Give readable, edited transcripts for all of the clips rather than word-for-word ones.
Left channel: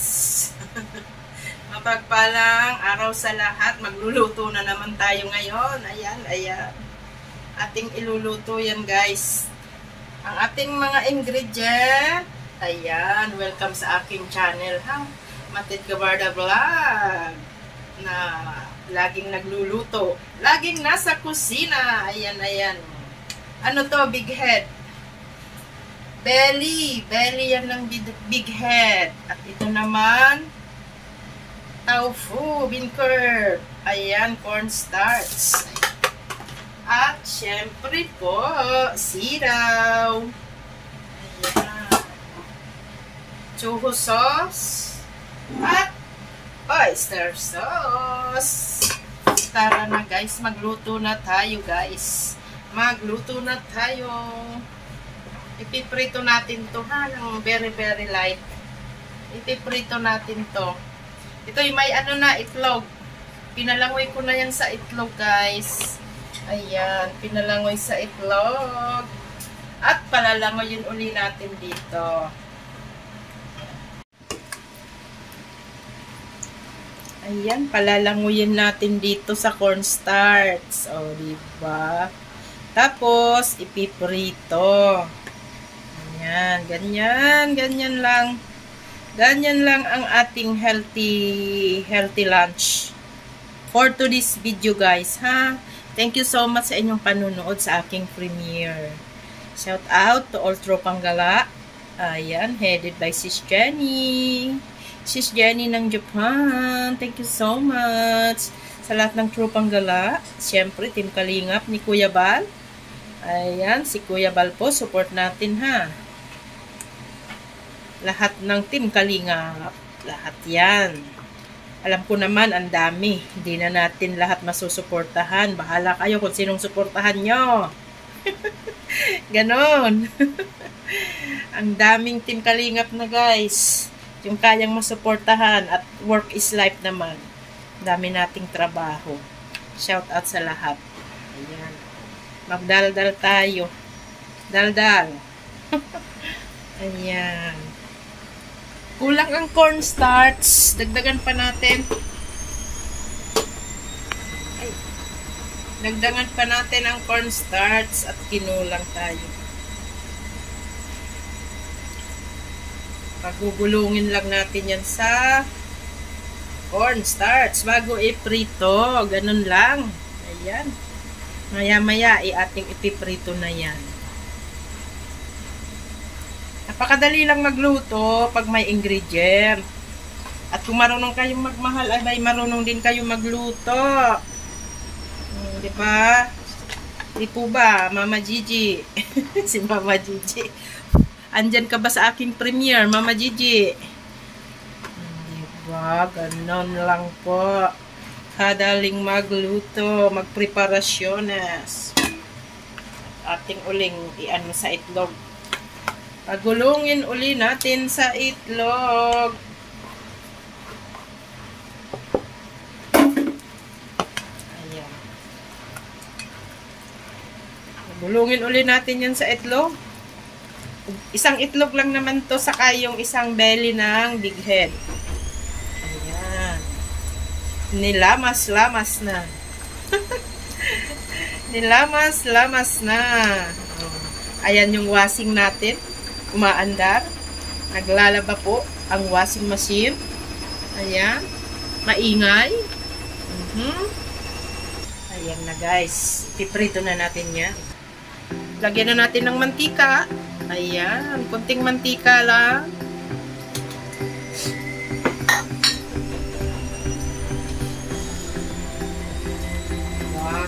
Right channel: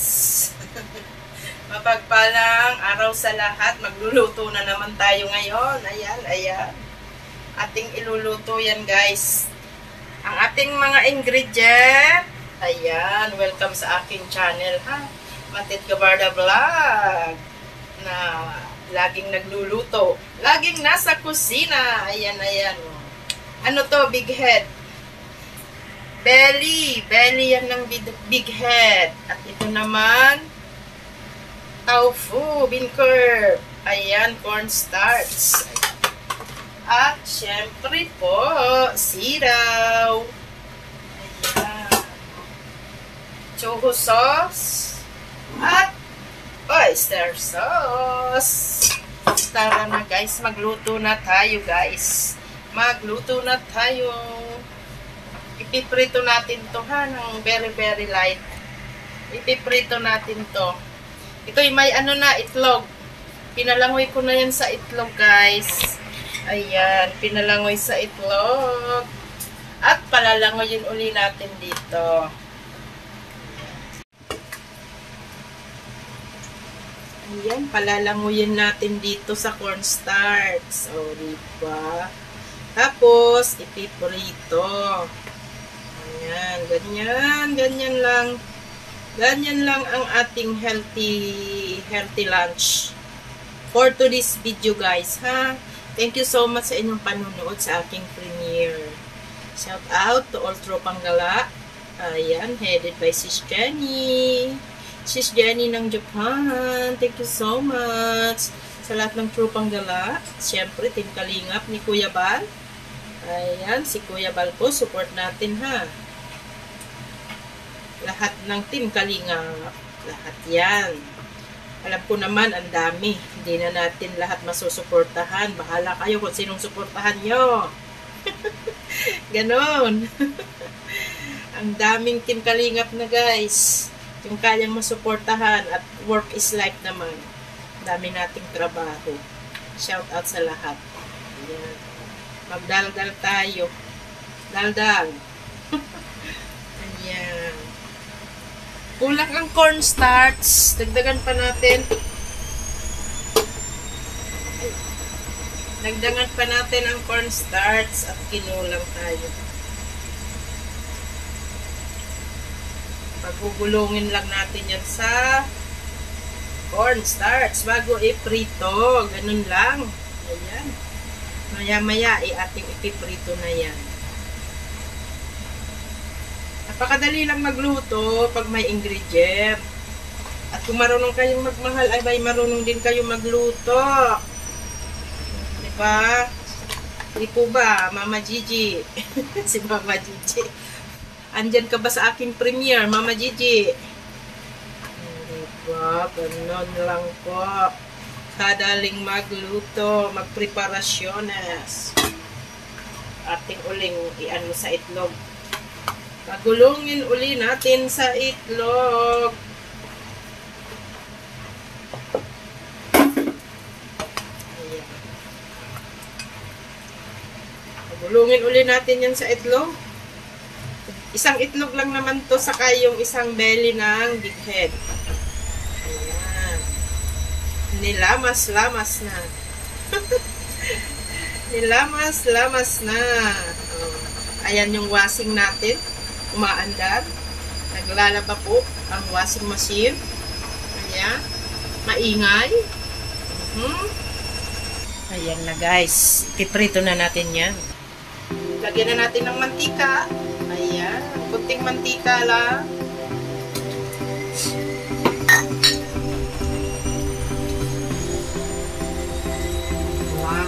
guys. Mapagpalang araw sa lahat. Magluluto na naman tayo ngayon. Ayan, ayan. Ating iluluto yan guys. Ang ating mga ingredient. Ayan, welcome sa aking channel ha. Matid Gabarda Vlog. Na laging nagluluto. Laging nasa kusina. Ayan, ayan. Ano to, big head? Belly. Belly yan ng big head. At ito naman, tofu, bean curd. Ayan, cornstarch. At syempre po, siraw. Ayan. Choho sauce. At oyster sauce. Tara na guys, magluto na tayo guys. Magluto na tayo. Ipiprito natin to ha, ng very light. Ipiprito natin to. Ito yung may ano na, itlog. Pinalangoy ko na yan sa itlog guys. Ayan, pinalangoy sa itlog. At palalangoyin uli natin dito. Ayan, palalangoyin natin dito sa cornstarch. O, diba? Tapos, ipiprito. Ayan, ganyan lang. Ganyan lang ang ating healthy lunch for today's video guys, ha? Thank you so much sa inyong panunood sa aking premiere. Shout out to all Tropang Gala. Ayan, headed by Sis Jenny. Sis Jenny ng Japan. Thank you so much sa lahat ng Tropang Gala. Siyempre, Team Kalingap ni Kuya Bal. Ayan, si Kuya Bal po, support natin ha. Lahat ng Team Kalingap. Lahat yan. Alam ko naman, ang dami. Hindi na natin lahat masusuportahan. Bahala kayo kung sinong suportahan nyo. Ganon. Ang daming Team Kalingap na guys. Yung kayang masuportahan. At work is life naman. Dami nating trabaho. Shout out sa lahat. Ayan. Magdaldal tayo. Daldal. Ayan. Kulang ang cornstarch. Dagdagan pa natin. Ay. Dagdagan pa natin ang cornstarch at kinulang tayo. Pagugulungin lang natin yan sa cornstarch bago iprito. Ganun lang. Ayan. Maya-maya ating ipiprito na yan. Napakadali lang magluto pag may ingredient. At kung marunong kayong magmahal, ay marunong din kayong magluto. Diba? Di po ba, Mama Gigi? Si Mama Gigi. Andyan ka ba sa aking premiere, Mama Gigi? Diba? Ganon lang po. Kadaling magluto, magpreparasyones. Ating uling iano sa itlog. Pagulungin uli natin sa itlog. Ayan. Pagulungin uli natin yan sa itlog. Isang itlog lang naman to, saka yung isang belly ng big head. Ayan. Nilamas-lamas na. Nilamas-lamas na. Oh. Ayan yung washing natin. Umaandar. Naglalaba po ang washing machine. Ayan. Maingay. Ayan na guys. Piprito na natin yan. Lagyan na natin ng mantika. Ayan. Kunting mantika lang. Wow.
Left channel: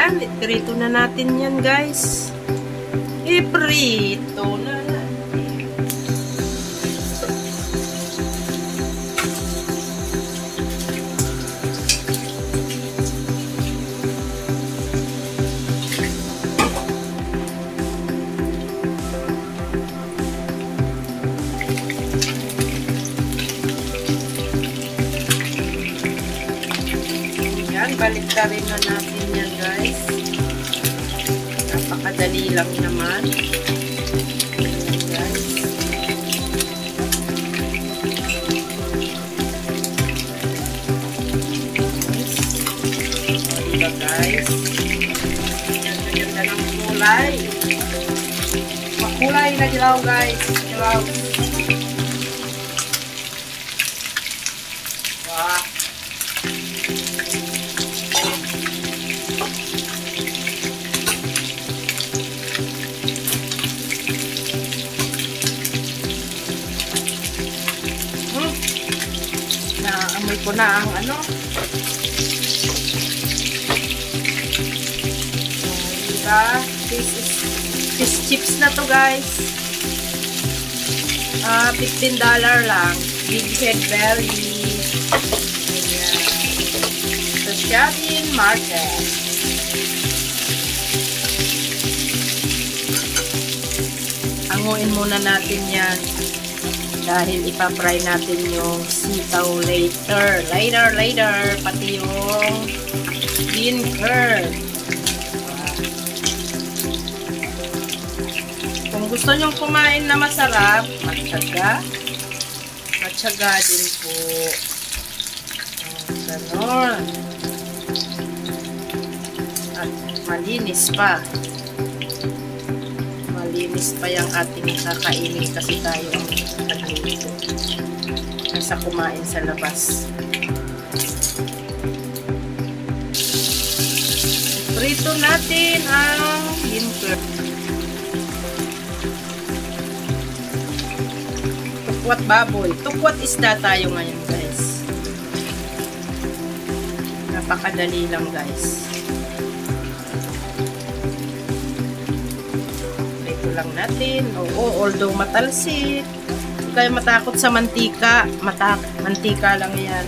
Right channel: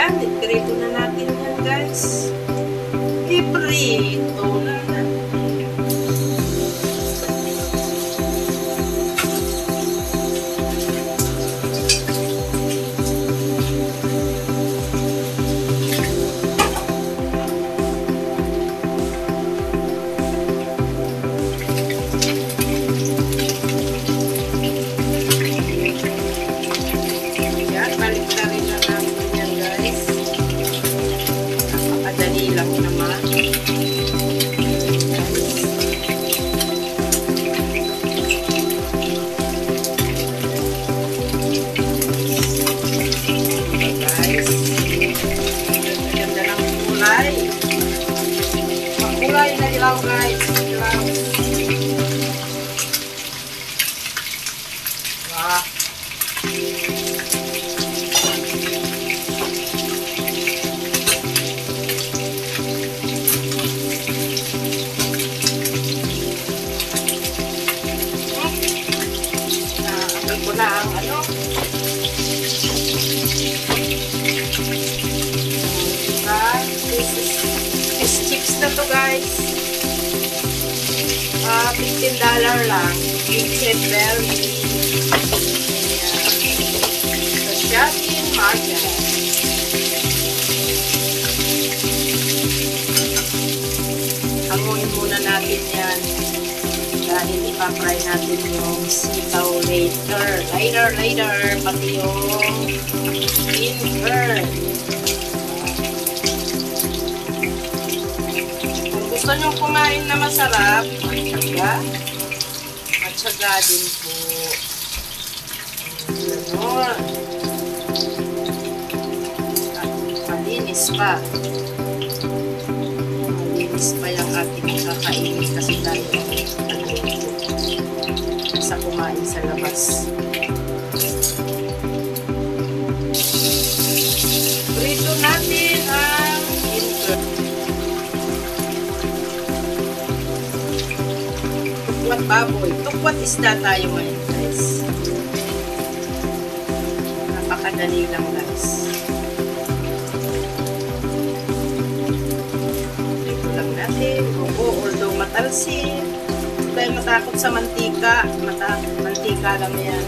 Ayan, iprito na natin yan, guys. Iprito na natin. Balik na rin na natin yan, guys. Napakadali lang naman. Guys. Diba, guys? Ganda ng kulay. Ang kulay na ilaw, guys. Ilaw. Wow. Ko na ang ano. Diba? Fish chips na to, guys. $15 lang. Big Head Belly. Sa shopping market. Anguin muna natin yan. Dahil ipapry natin yung sitaw later. Pati yung vinegar. Kung gusto nyo kumain na masarap, matyaga din po. Ganon. At malinis pa. Malinis pa yung ating kakainin kasi tayo sa kumain sa labas. Prito natin ang ginger. Tukwat baboy. Tukwat isda tayo ngayon, guys. Napakadali lang, guys. Prito lang natin. Oo, although matalsik. Hindi tayo matakot sa mantika. Mantika lang yan.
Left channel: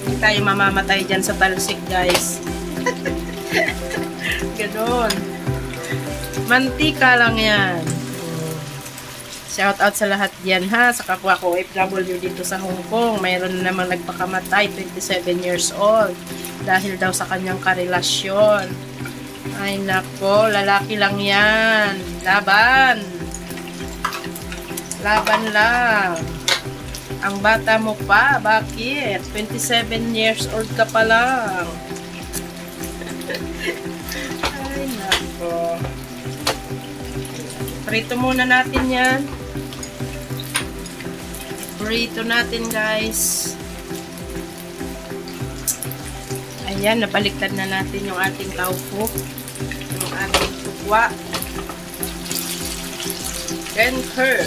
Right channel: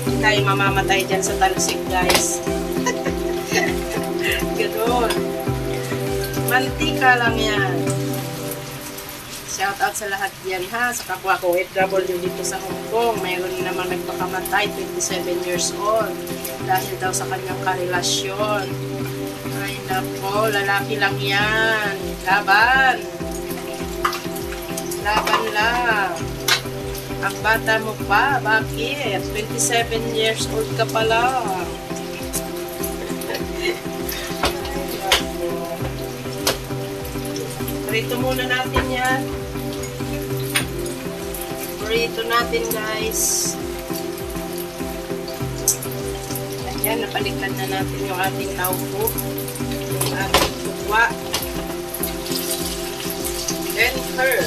Hindi tayo mamamatay dyan sa talsik, guys. Ganon. Mantika lang yan. Shout out sa lahat yan, ha. Sa kapwa ko, OFW dito sa Hong Kong. Mayroon naman nagpakamatay, 27 years old. Dahil daw sa kanyang karelasyon. Ay nako, lalaki lang yan. Laban. Laban lang. Ang bata mo pa, bakit? 27 years old ka pa lang. Ay nako. Prito muna natin yan. Prito natin, guys. Ayan, napaliktad na natin yung ating taupo. Yung ating tukwa. Vinegar.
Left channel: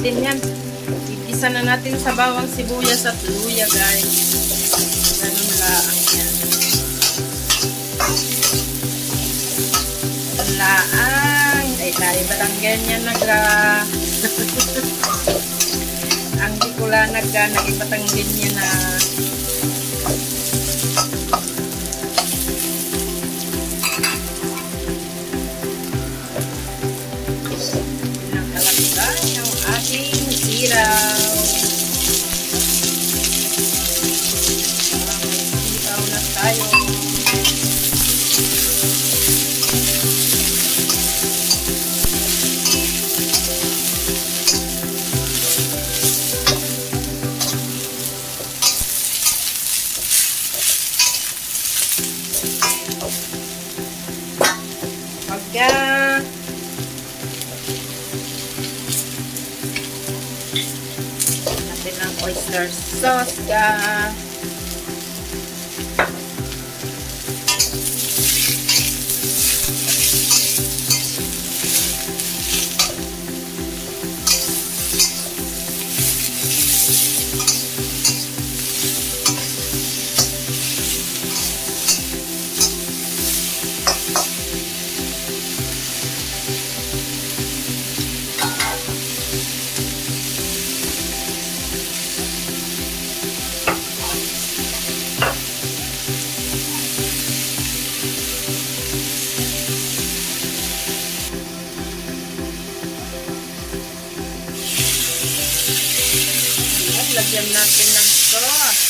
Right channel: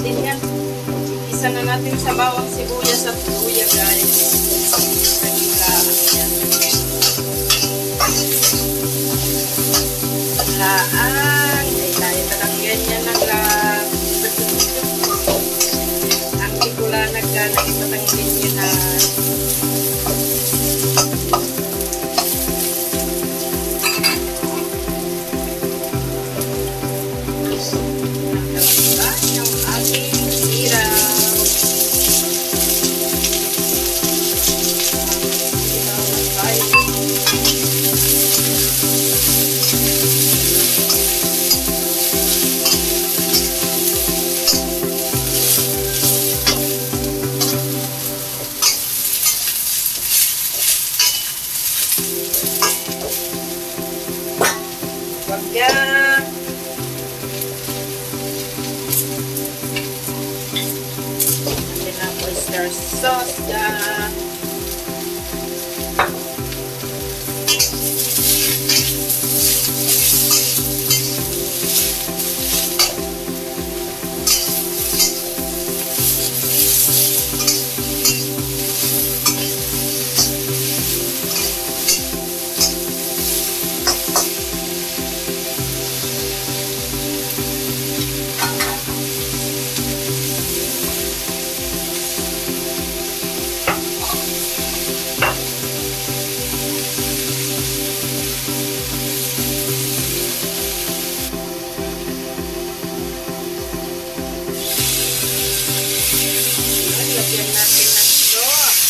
natin yan. Igisa na natin sa bawang sibuyas at luya, guys. Laan. Ay, dahil parang ganyan ang tikula nagpatanggin niya na natin ang oyster sauce dyan. Lagyan natin ng sauce.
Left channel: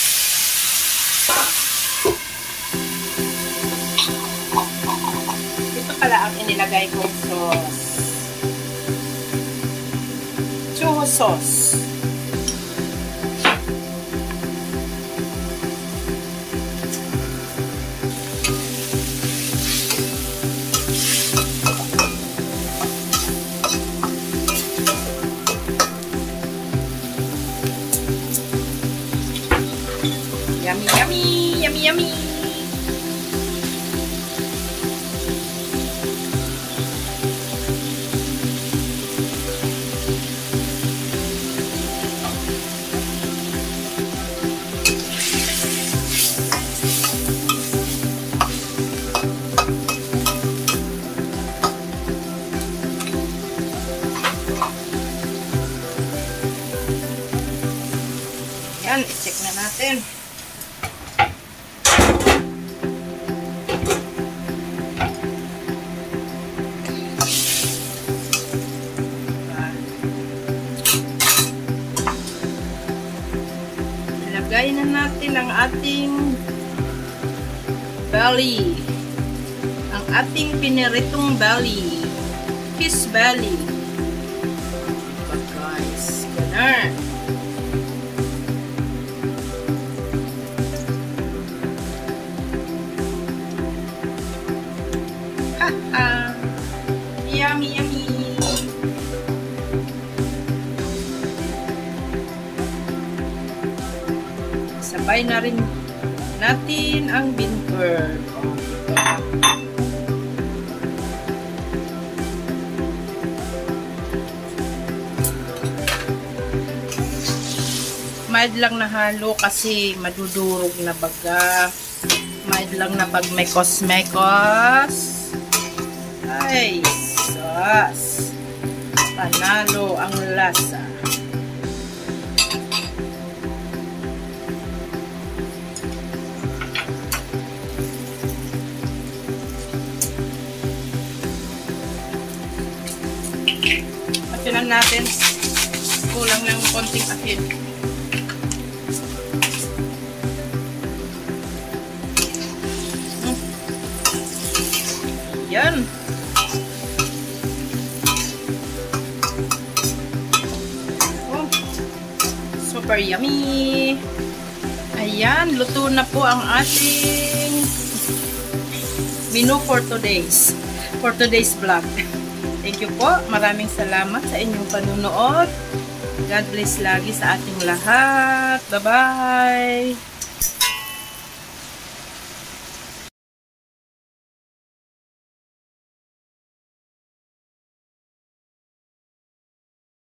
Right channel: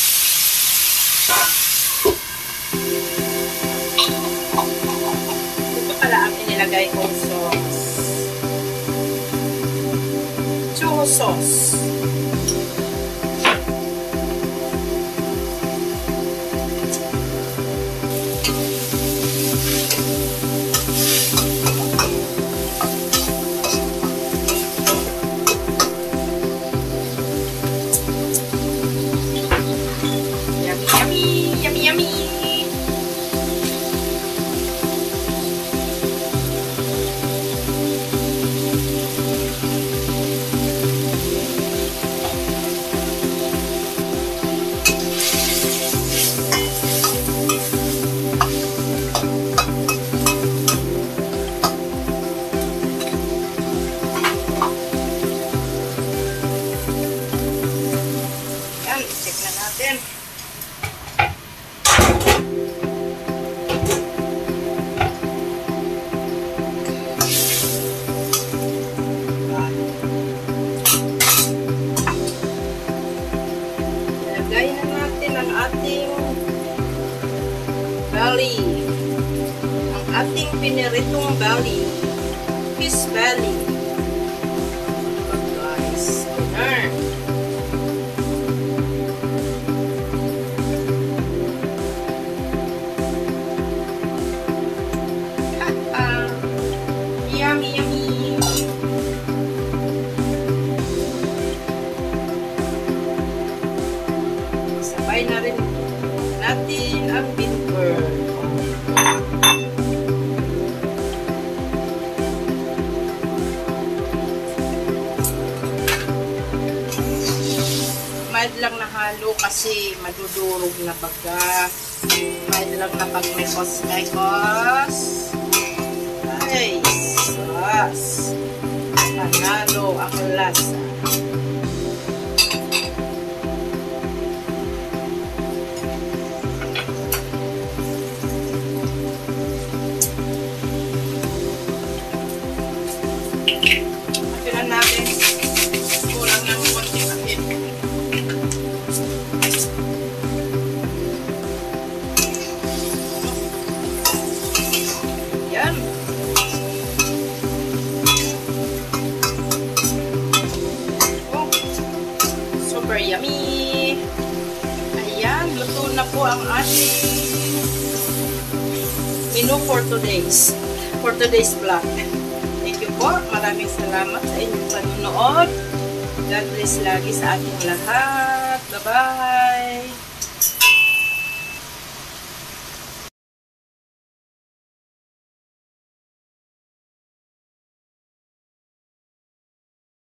Ito pala ang inilagay kong sauce. Chuho sauce. Yummy! Yan, i-check na natin. Lagayin na natin ang ating belly. Ang ating piniritong belly. Fish belly. Guys, corner. Yummy, yummy. Sabay na rin natin ang bean curd. Mild lang na halo kasi madudurog na baga. Mild lang na pag may kos-mekos. Ay, sauce. Panalo ang lasa. Patilan natin. Kulang ng konting asin. Yan. Oh, super yummy. Ayan, luto na po ang ating menu for today's vlog. Thank you po. Maraming salamat sa inyong panunood. God bless lagi sa ating lahat. Bye-bye.